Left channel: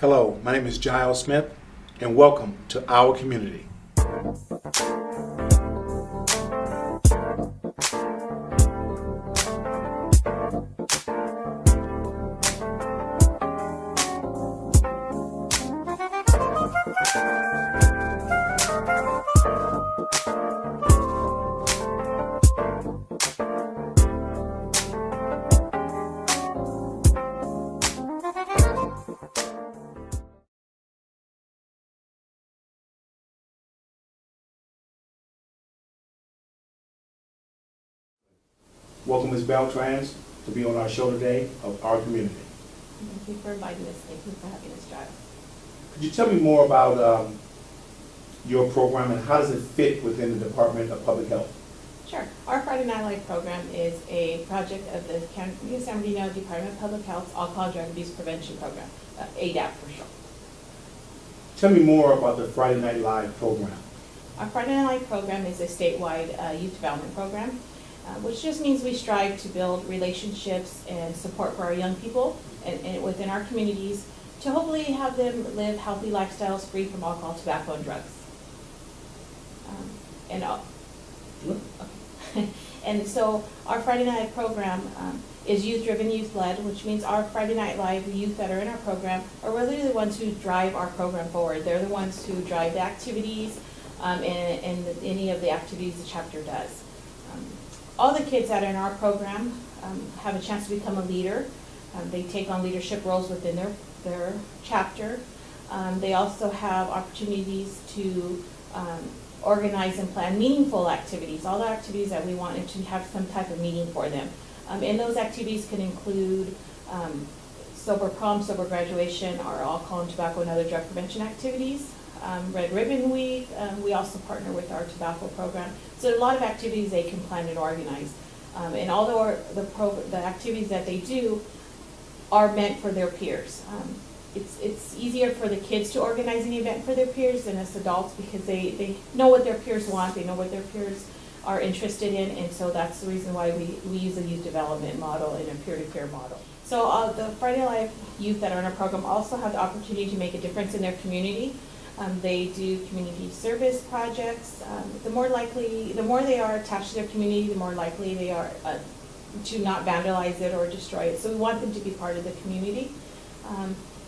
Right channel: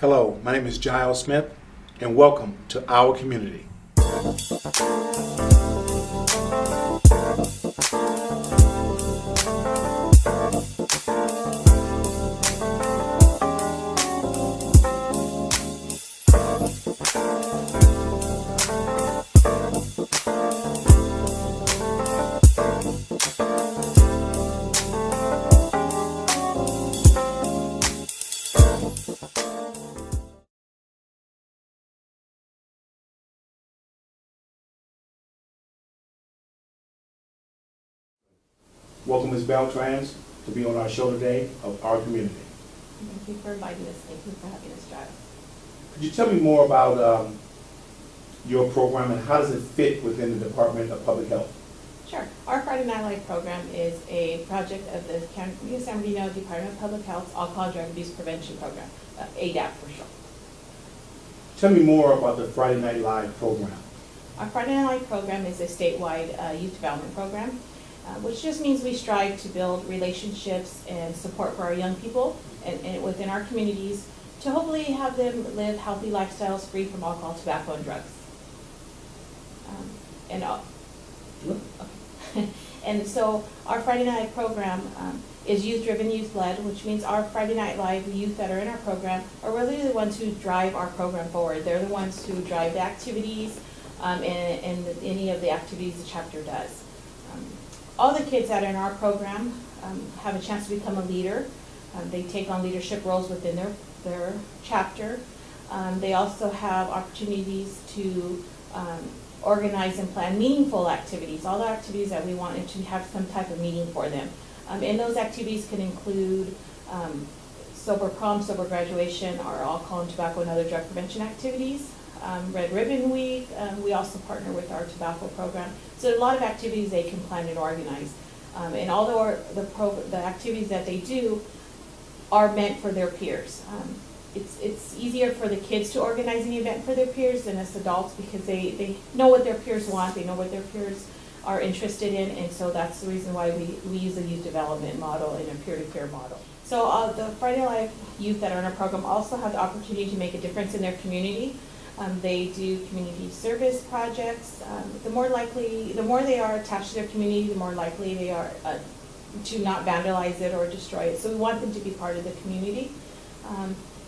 Hello, my name is Jiles Smith, and welcome to our community. Welcome, Ms Beltran, to be on our show today of our community. Thank you for inviting us. Thank you for having us, Jiles. Could you tell me more about your program and how does it fit within the Department of Public Health? Sure. Our Friday Night Live program is a project of the San Bernardino Department of Public Health's Alcohol Drug Abuse Prevention Program, ADAP for short. Tell me more about the Friday Night Live program. Our Friday Night Live program is a statewide youth development program, which just means we strive to build relationships and support for our young people and within our communities to hopefully have them live healthy lifestyles free from alcohol, tobacco, and drugs. And so our Friday Night program is youth-driven, youth-led, which means our Friday Night Live youth that are in our program are really the ones who drive our program forward. They're the ones who drive the activities and any of the activities the chapter does. All the kids that are in our program have a chance to become a leader. They take on leadership roles within their chapter. They also have opportunities to organize and plan meaningful activities, all the activities that we want to have some type of meaning for them. And those activities can include sober prom, sober graduation, our alcohol and tobacco and other drug prevention activities. Red Ribbon Week, we also partner with our tobacco program. So a lot of activities they can plan and organize. And although the activities that they do are meant for their peers. It's easier for the kids to organize an event for their peers than us adults because they know what their peers want, they know what their peers are interested in, and so that's the reason why we use a youth development model and a peer-to-peer model. So the Friday Live youth that are in our program also have the opportunity to make a difference in their community. They do community service projects. The more they are attached to their community, the more likely they are to not vandalize it or destroy it. So we want them to be part of the community.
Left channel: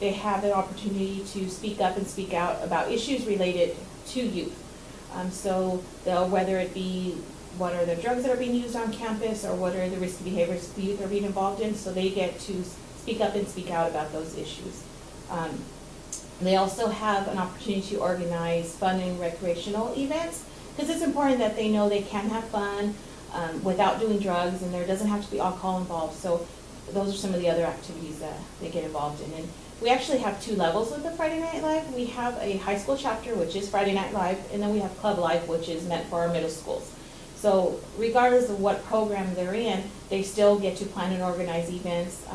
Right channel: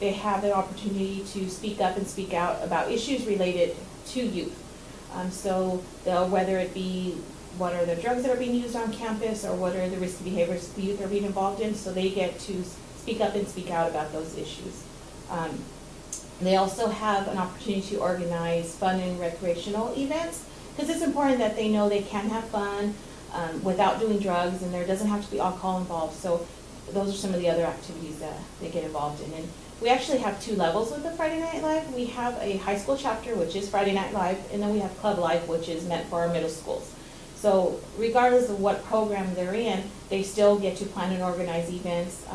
They have an opportunity to speak up and speak out about issues related to youth. So whether it be what are the drugs that are being used on campus or what are the risky behaviors the youth are being involved in, so they get to speak up and speak out about those issues. They also have an opportunity to organize fun and recreational events because it's important that they know they can have fun without doing drugs and there doesn't have to be alcohol involved. So those are some of the other activities that they get involved in. And we actually have two levels of the Friday Night Live. We have a high school chapter, which is Friday Night Live, and then we have Club Life, which is meant for our middle schools. So regardless of what program they're in, they still get to plan and organize events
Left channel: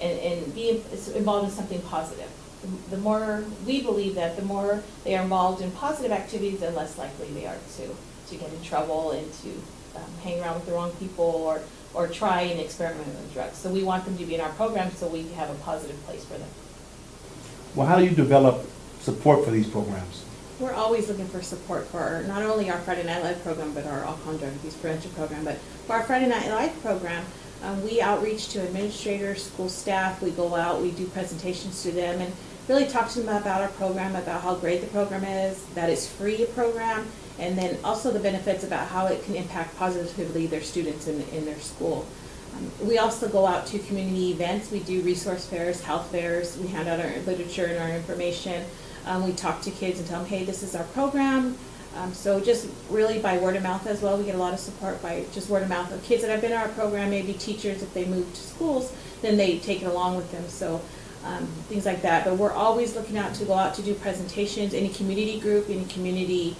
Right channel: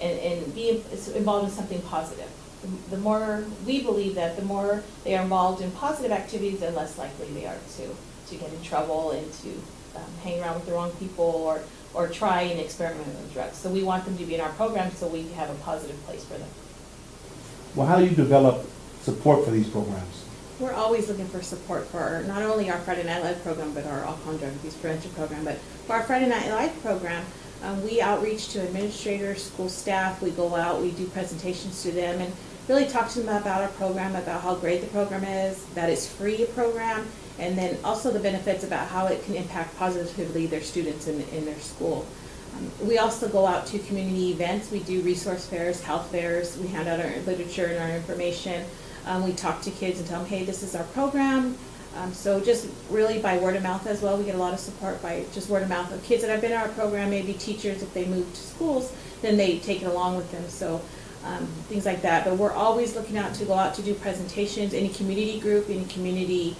and be involved in something positive. The more we believe that the more they are involved in positive activities, the less likely they are to get in trouble and to hang around with the wrong people or try and experiment with drugs. So we want them to be in our program so we have a positive place for them. Well, how do you develop support for these programs? We're always looking for support for not only our Friday Night Live program, but our alcohol and drug abuse prevention program. But for our Friday Night Live program, we outreach to administrators, school staff. We go out, we do presentations to them, and really talk to them about our program, about how great the program is, that it's free program, and then also the benefits about how it can impact positively their students in their school. We also go out to community events. We do resource fairs, health fairs. We hand out our literature and our information. We talk to kids and tell them, hey, this is our program. So just really by word of mouth as well. We get a lot of support by just word of mouth of kids that have been in our program, maybe teachers if they move to schools, then they take it along with them. So things like that. But we're always looking out to go out to do presentations. Any community group, any community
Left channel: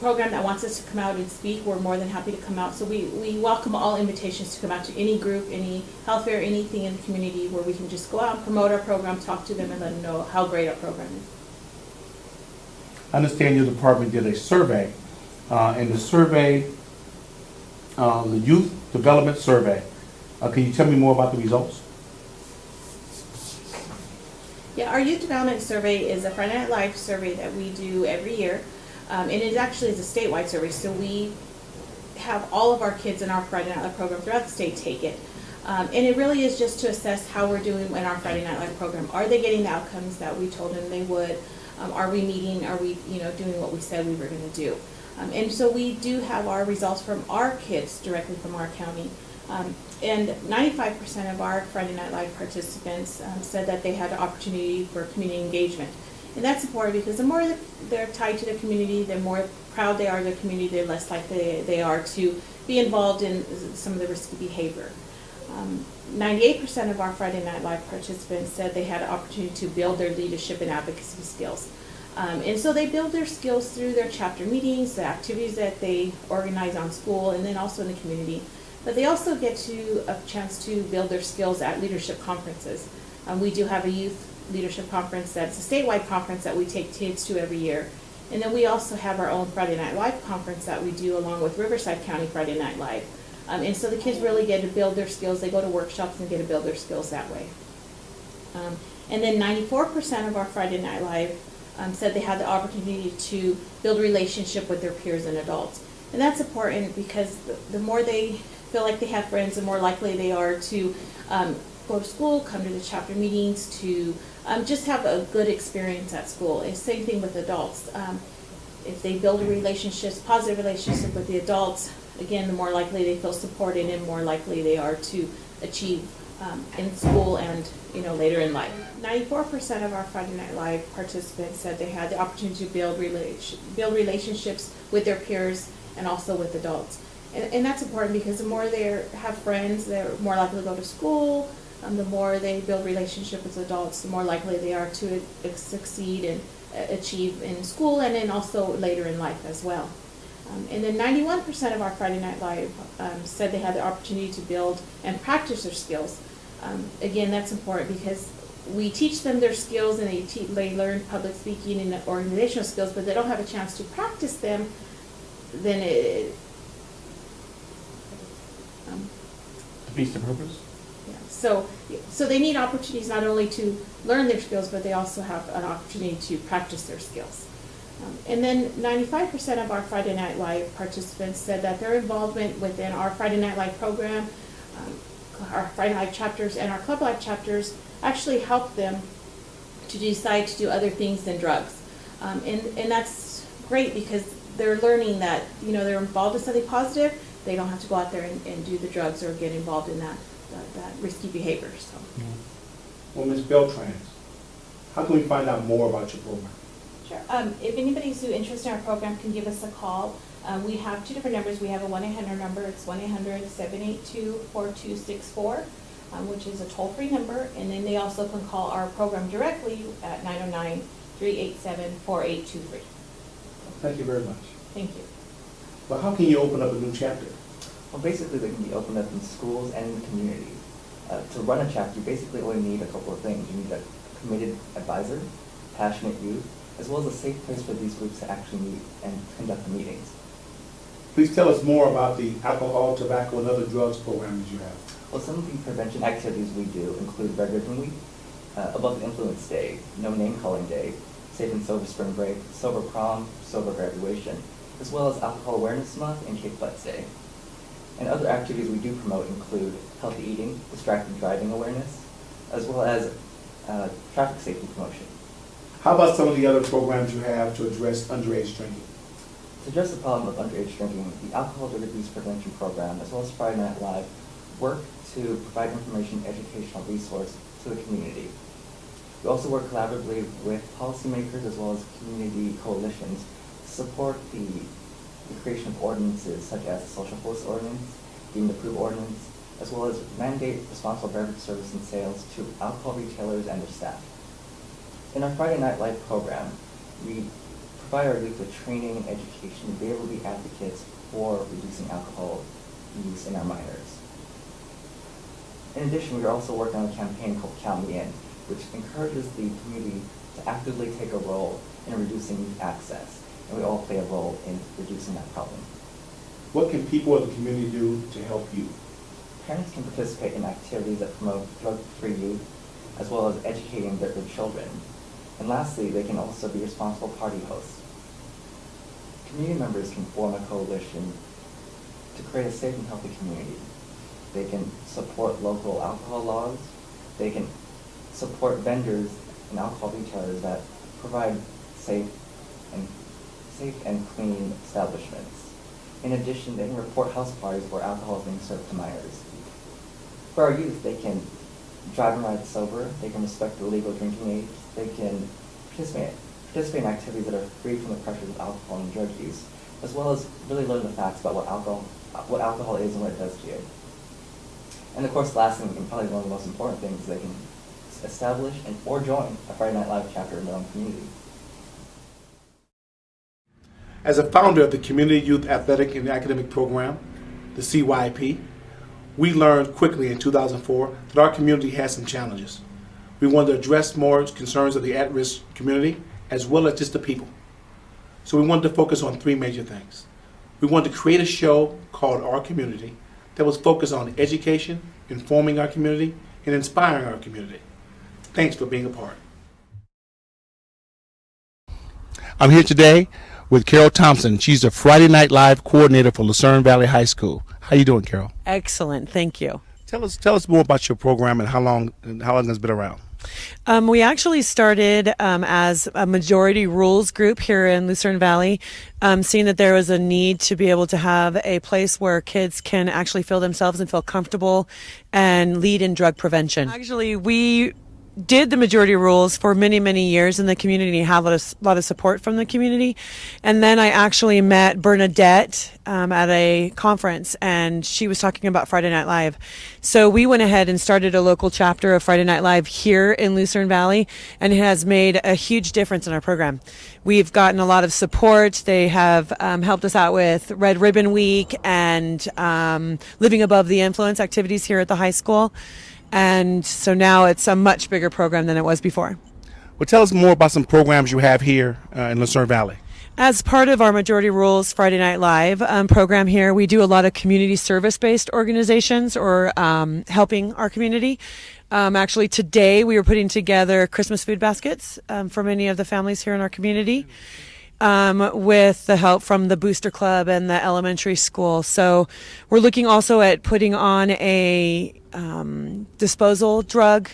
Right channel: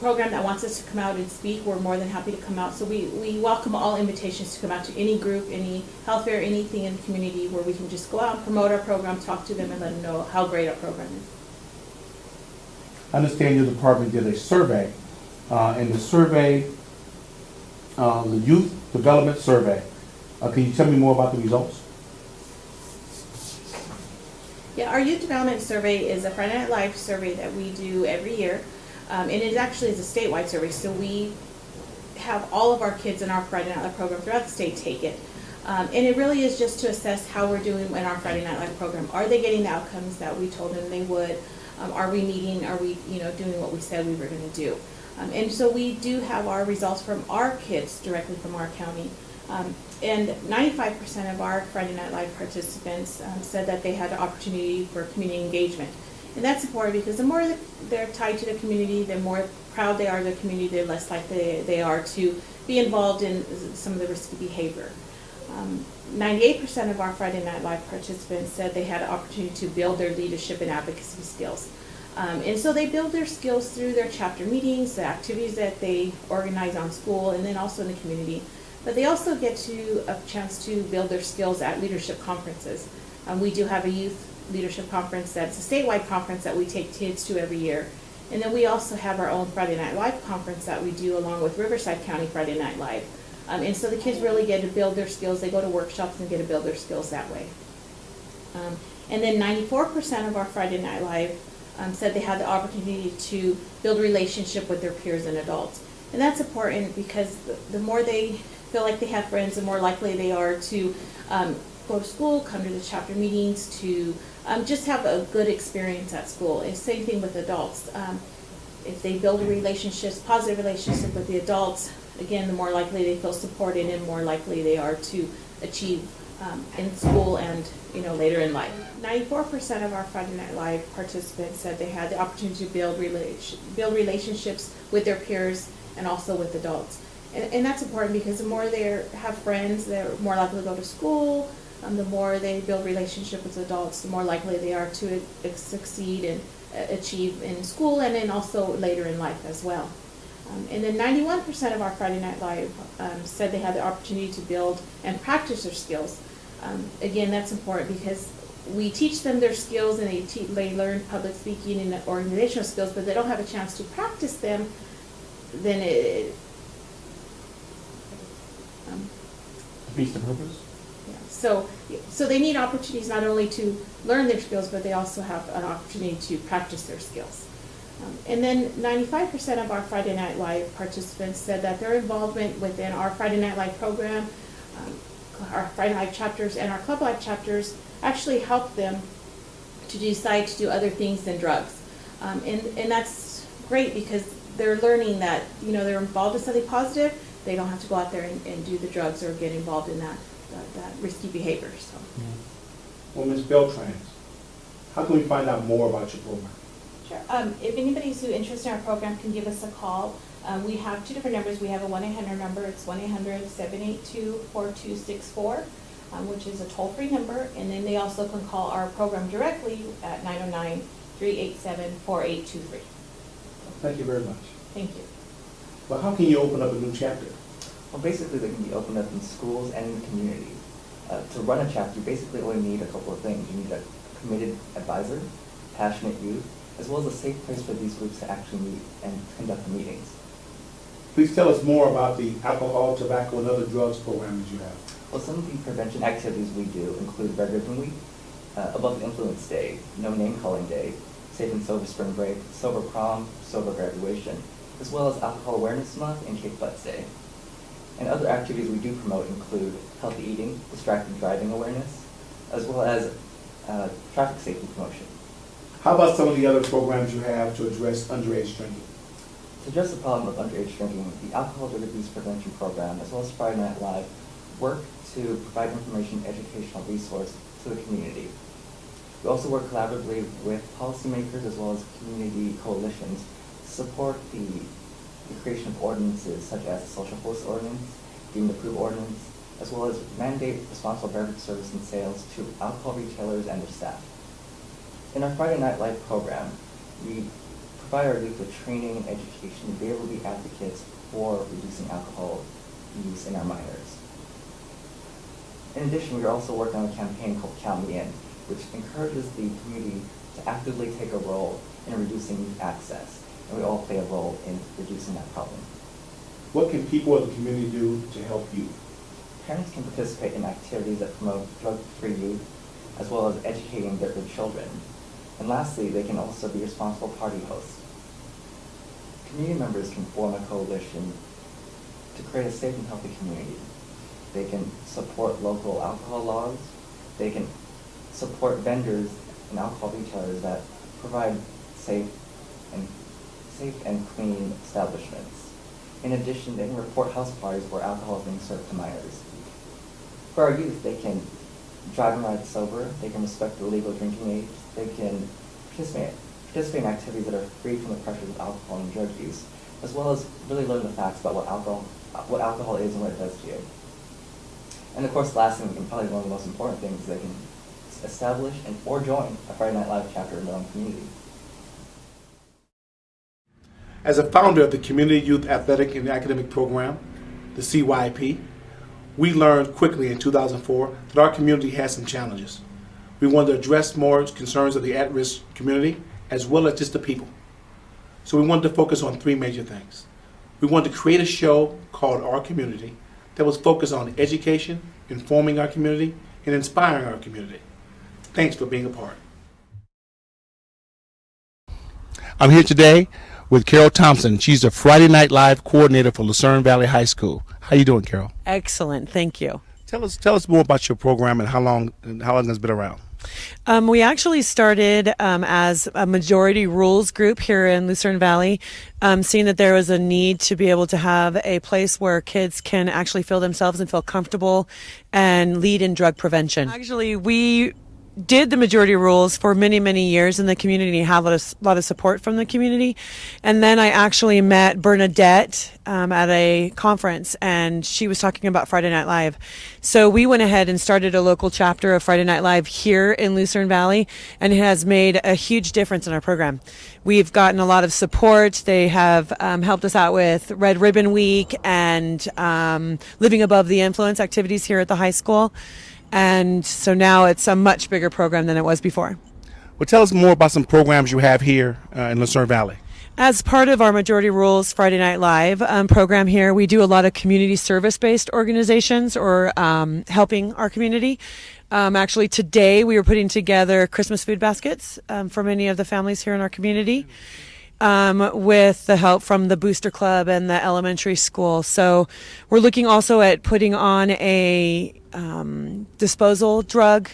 program that wants us to come out and speak, we're more than happy to come out. So we welcome all invitations to come out to any group, any health fair, anything in the community where we can just go out and promote our program, talk to them, and let them know how great our program is. I understand your department did a survey, and the survey, the Youth Development Survey. Can you tell me more about the results? Yeah, our youth development survey is a Friday Night Live survey that we do every year. And it actually is a statewide survey, so we have all of our kids in our Friday Night Live program throughout the state take it. And it really is just to assess how we're doing in our Friday Night Live program. Are they getting the outcomes that we told them they would? Are we meeting, are we doing what we said we were going to do? And so we do have our results from our kids directly from our county. And 95% of our Friday Night Live participants said that they had an opportunity for community engagement. And that's important because the more they're tied to the community, the more proud they are of the community, the less likely they are to be involved in some of the risky behavior. 98% of our Friday Night Live participants said they had an opportunity to build their leadership and advocacy skills. And so they build their skills through their chapter meetings, the activities that they organize on school, and then also in the community. But they also get a chance to build their skills at leadership conferences. We do have a youth leadership conference that's a statewide conference that we take kids to every year. And then we also have our own Friday Night Live conference that we do along with Riverside County Friday Night Live. And so the kids really get to build their skills. They go to workshops and get to build their skills that way. And then 94% of our Friday Night Live said they had the opportunity to build a relationship with their peers and adults. And that's important because the more they feel like they have friends, the more likely they are to go to school, come to the chapter meetings, to just have a good experience at school. And same thing with adults. If they build a positive relationship with the adults, again, the more likely they feel supported and more likely they are to achieve in school and later in life. 94% of our Friday Night Live participants said they had the opportunity to build relationships with their peers and also with adults. And that's important because the more they have friends, they're more likely to go to school. The more they build relationship with adults, the more likely they are to succeed and achieve in school and then also later in life as well. And then 91% of our Friday Night Live said they had the opportunity to build and practice their skills. Again, that's important because we teach them their skills and they learn public speaking and organizational skills, but they don't have a chance to practice them, then it defeats the purpose? yeah. So they need opportunities not only to learn their skills, but they also have an opportunity to practice their skills. And then 95% of our Friday Night Live participants said that their involvement within our Friday Night Live program, our Friday Night Live chapters and our Club Life chapters actually helped them to decide to do other things than drugs. And that's great because they're learning that, they're involved in something positive. They don't have to go out there and do the drugs or get involved in that risky behavior. So. Well, Ms. Beltran, how can we find out more about your program? Sure. If anybody's interested in our program, can give us a call. We have two different numbers. We have a 1-800 number. It's 1-800-782-4264, which is a toll-free number. And then they also can call our program directly at 909-387-4823. Thank you very much. Thank you. Well, how can you open up a new chapter? Well, basically, they can be opened up in schools and in the community. To run a chapter, you basically only need a couple of things. You need a committed advisor, passionate youth, as well as a safe place for these groups to actually meet and conduct the meetings. Please tell us more about the alcohol, tobacco, and other drugs programs you have. Well, some of the prevention activities we do include Red Ribbon Week, Above the Influence Day, No Name Calling Day, Safe and Sober Spring Break, Sober Prom, Sober Graduation, as well as Alcohol Awareness Month and Cape Flight Day. And other activities we do promote include healthy eating, distracted driving awareness, as well as traffic safety promotion. How about some of the other programs you have to address underage drinking? To address the problem of underage drinking, the Alcohol Drug Abuse Prevention Program, as well as Friday Night Live, work to provide information and educational resource to the community. We also work collaboratively with policymakers as well as community coalitions to support the creation of ordinances such as the Social Host Ordinance, Deemed Approved Ordinance, as well as mandate responsible beverage service and sales to alcohol retailers and their staff. In our Friday Night Live program, we provide our youth with training and education to be able to be advocates for reducing alcohol use in our minors. In addition, we are also working on a campaign called Count Me In, which encourages the community to actively take a role in reducing youth access, and we all play a role in reducing that problem. What can people of the community do to help you? Parents can participate in activities that promote drug-free youth, as well as educating their children. And lastly, they can also be responsible party hosts. Community members can form a coalition to create a safe and healthy community. They can support local alcohol laws. They can support vendors and alcohol retailers that provide safe and clean establishments. In addition, they can report house parties where alcohol is being served to minors. For our youth, they can drive and ride sober. They can respect the legal drinking age. They can participate in activities that are free from the pressures of alcohol and drug use, as well as really learn the facts about what alcohol is and what it does to you. And of course, last and probably one of the most important things, they can establish or join a Friday Night Live chapter in their own community. As a founder of the Community Youth Athletic and Academic Program, the CYP, we learned quickly in 2004 that our community has some challenges. We wanted to address more concerns of the at-risk community as well as just the people. So we wanted to focus on three major things. We wanted to create a show called Our Community that was focused on education, informing our community, and inspiring our community. Thanks for being a part. I'm here today with Carol Thompson. She's the Friday Night Live coordinator for Lucerne Valley High School. How you doing, Carol? Excellent, thank you. Tell us more about your program and how long it's been around. We actually started as a majority rules group here in Lucerne Valley, seeing that there was a need to be able to have a place where kids can actually feel themselves and feel comfortable and lead in drug prevention. Actually, we did the majority rules for many, many years in the community, have a lot of support from the community. And then I actually met Bernadette at a conference, and she was talking about Friday Night Live. So we went ahead and started a local chapter of Friday Night Live here in Lucerne Valley, and it has made a huge difference in our program. We've gotten a lot of support. They have helped us out with Red Ribbon Week and Living Above the Influence activities here at the high school. And so now it's a much bigger program than it was before. Well, tell us more about some programs you have here in Lucerne Valley. As part of our Majority Rules Friday Night Live program here, we do a lot of community service-based organizations or helping our community. Actually, today we were putting together Christmas food baskets for many of the families here in our community. With the help from the Booster Club and the elementary school. So we're looking also at putting on a disposal drug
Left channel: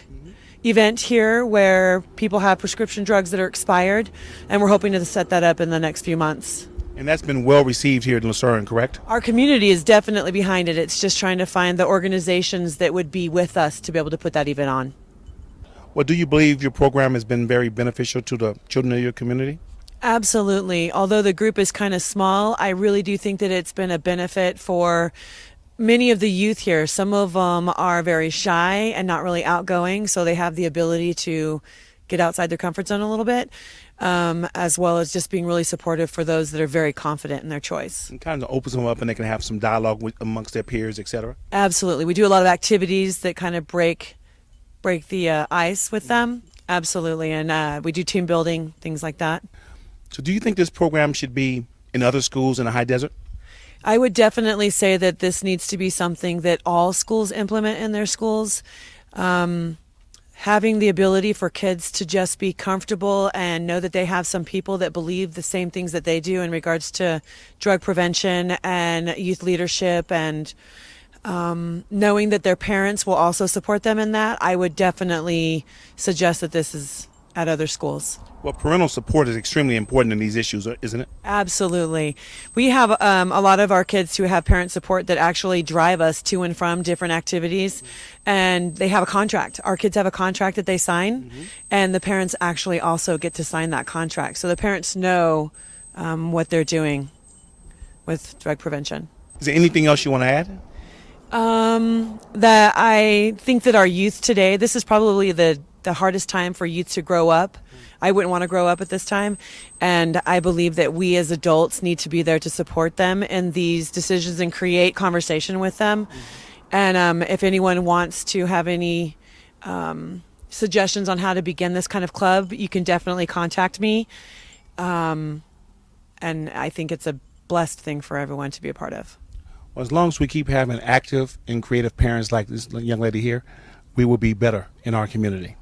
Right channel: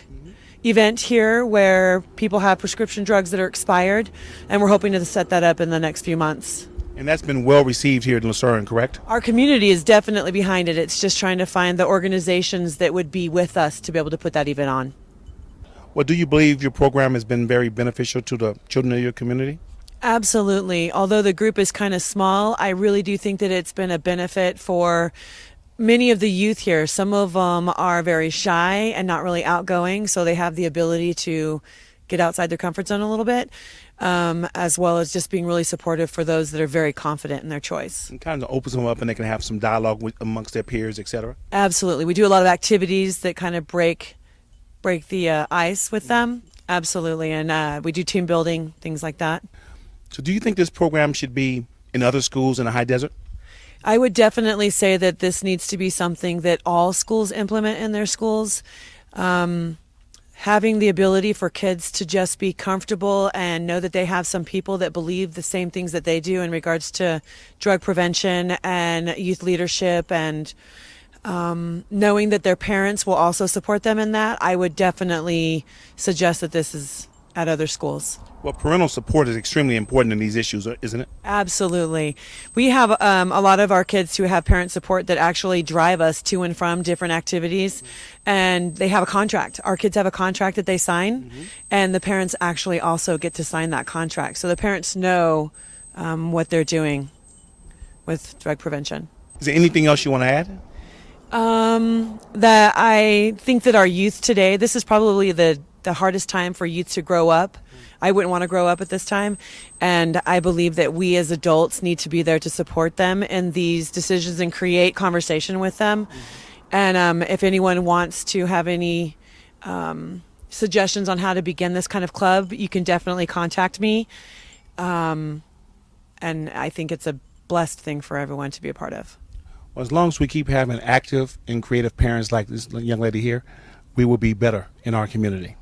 event here where people have prescription drugs that are expired, and we're hoping to set that up in the next few months. And that's been well received here in Lucerne, correct? Our community is definitely behind it. It's just trying to find the organizations that would be with us to be able to put that event on. Well, do you believe your program has been very beneficial to the children of your community? Absolutely. Although the group is kind of small, I really do think that it's been a benefit for many of the youth here. Some of them are very shy and not really outgoing, so they have the ability to get outside their comfort zone a little bit, as well as just being really supportive for those that are very confident in their choice. It kind of opens them up and they can have some dialogue amongst their peers, etc. Absolutely. We do a lot of activities that kind of break the ice with them. Absolutely. And we do team building, things like that. So do you think this program should be in other schools in the high desert? I would definitely say that this needs to be something that all schools implement in their schools. Having the ability for kids to just be comfortable and know that they have some people that believe the same things that they do in regards to drug prevention and youth leadership, and knowing that their parents will also support them in that, I would definitely suggest that this is at other schools. Well, parental support is extremely important in these issues, isn't it? Absolutely. We have a lot of our kids who have parent support that actually drive us to and from different activities, and they have a contract. Our kids have a contract that they sign, and the parents actually also get to sign that contract. So the parents know what they're doing with drug prevention. Is there anything else you want to add? That I think that our youth today, this is probably the hardest time for youth to grow up. I wouldn't want to grow up at this time, and I believe that we as adults need to be there to support them in these decisions and create conversation with them. And if anyone wants to have any suggestions on how to begin this kind of club, you can definitely contact me. And I think it's a blessed thing for everyone to be a part of. Well, as long as we keep having active and creative parents like this young lady here, we will be better in our community.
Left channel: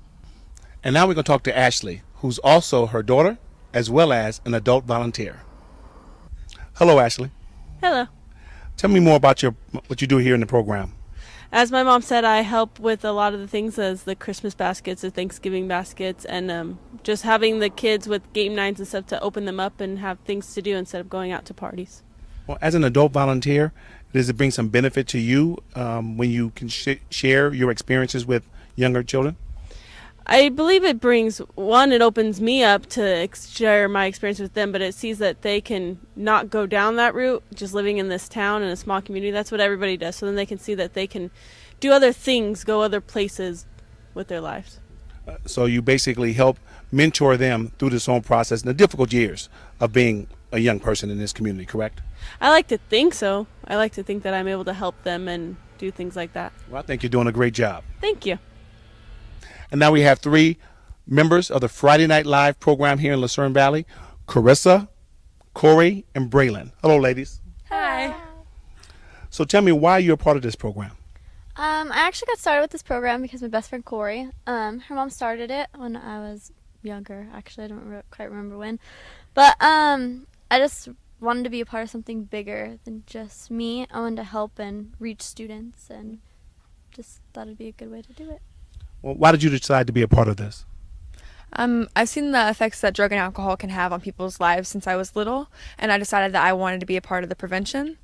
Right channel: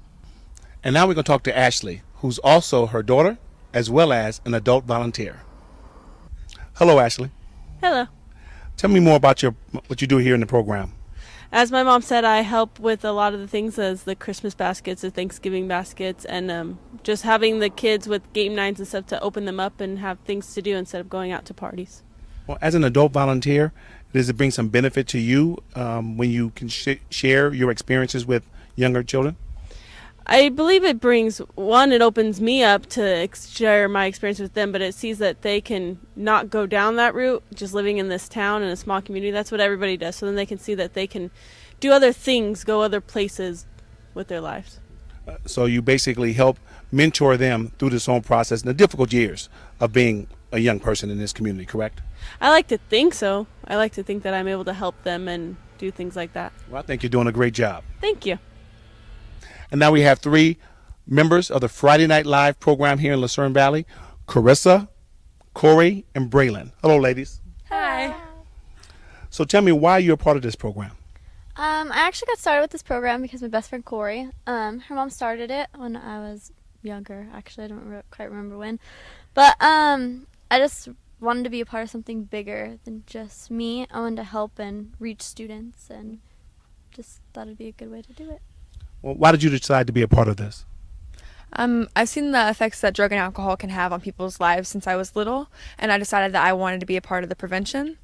And now we're going to talk to Ashley, who's also her daughter, as well as an adult volunteer. Hello, Ashley. Hello. Tell me more about what you do here in the program. As my mom said, I help with a lot of the things as the Christmas baskets, the Thanksgiving baskets, and just having the kids with game nights and stuff to open them up and have things to do instead of going out to parties. Well, as an adult volunteer, does it bring some benefit to you when you can share your experiences with younger children? I believe it brings, it opens me up to share my experience with them, but it sees that they can not go down that route, just living in this town in a small community. That's what everybody does. So then they can see that they can do other things, go other places with their lives. So you basically help mentor them through this whole process in the difficult years of being a young person in this community, correct? I like to think so. I like to think that I'm able to help them and do things like that. Well, I think you're doing a great job. Thank you. And now we have 3 members of the Friday Night Live program here in Lucerne Valley, Carissa, Corey, and Braylon. Hello, ladies. Hi. So tell me why you're a part of this program. I actually got started with this program because my best friend Corey, her mom started it when I was younger. Actually, I don't quite remember when. But I just wanted to be a part of something bigger than just me. I wanted to help and reach students, and just thought it'd be a good way to do it. Well, why did you decide to be a part of this? I've seen the effects that drug and alcohol can have on people's lives since I was little, and I decided that I wanted to be a part of the prevention.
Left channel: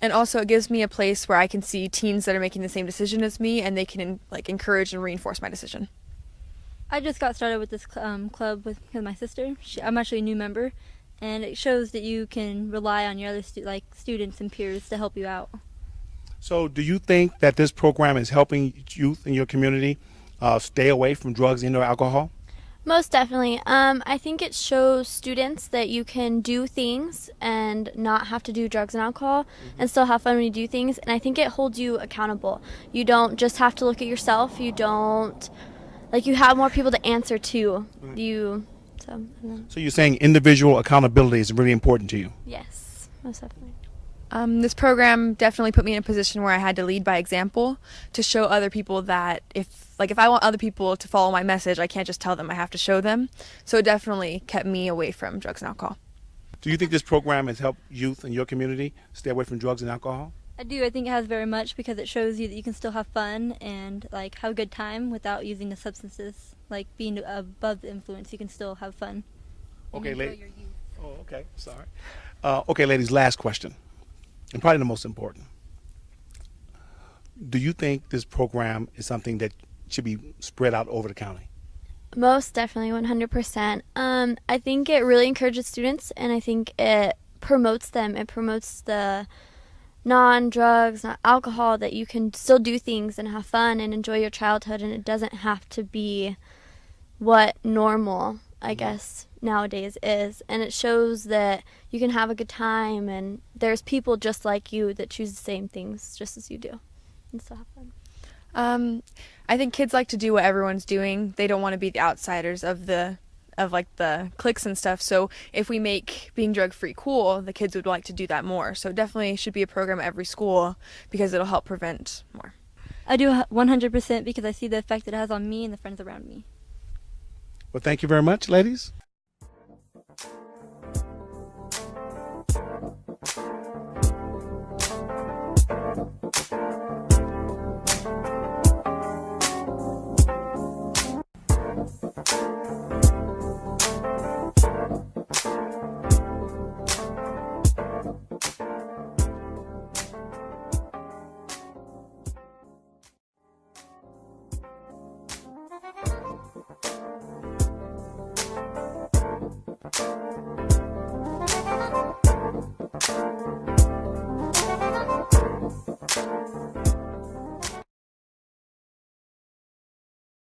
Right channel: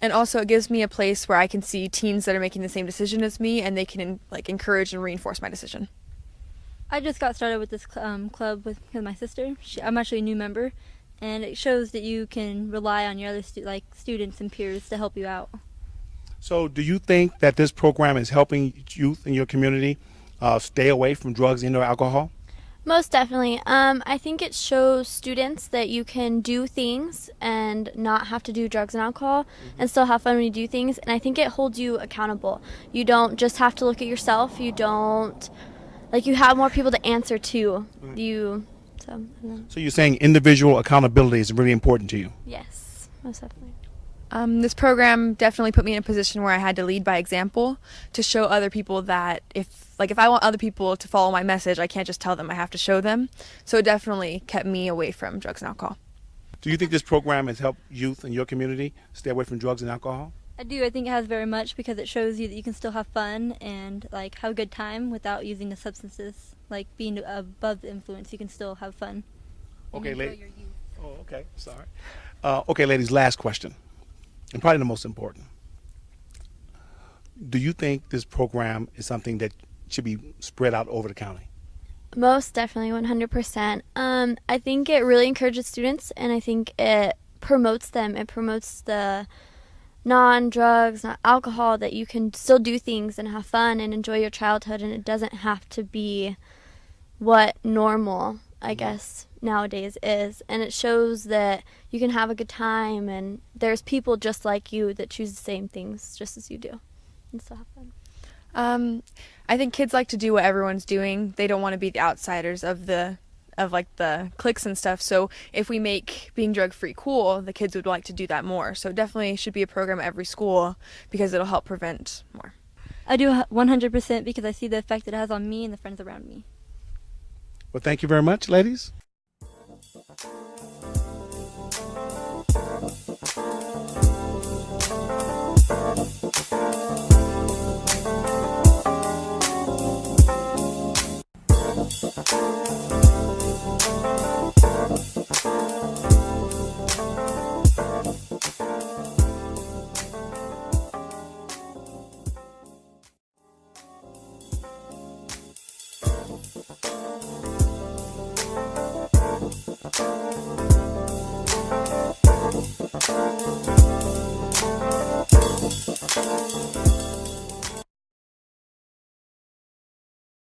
And also it gives me a place where I can see teens that are making the same decision as me, and they can encourage and reinforce my decision. I just got started with this club with my sister. I'm actually a new member, and it shows that you can rely on your other students and peers to help you out. So do you think that this program is helping youth in your community stay away from drugs and or alcohol? Most definitely. I think it shows students that you can do things and not have to do drugs and alcohol and still have fun when you do things. And I think it holds you accountable. You don't just have to look at yourself. You don't, you have more people to answer to. So you're saying individual accountability is really important to you? Yes, most definitely. This program definitely put me in a position where I had to lead by example to show other people that if I want other people to follow my message, I can't just tell them, I have to show them. So it definitely kept me away from drugs and alcohol. Do you think this program has helped youth in your community stay away from drugs and alcohol? I do. I think it has very much because it shows you that you can still have fun and have a good time without using the substances. Being above the influence, you can still have fun. Okay, your youth. Oh, okay. Sorry. Okay, ladies, last question, and probably the most important. Do you think this program is something that should be spread out over the county? Most definitely, 100%. I think it really encourages students, and I think it promotes them. It promotes the non-drugs, not alcohol, that you can still do things and have fun and enjoy your childhood, and it doesn't have to be what normal, I guess, nowadays is. And it shows that you can have a good time, and there's people just like you that choose the same things just as you do and still have fun. I think kids like to do what everyone's doing. They don't want to be the outsiders of the cliques and stuff. So if we make being drug free cool, the kids would like to do that more. So it definitely should be a program at every school because it'll help prevent more. I do 100% because I see the effect it has on me and the friends around me. Well, thank you very much, ladies.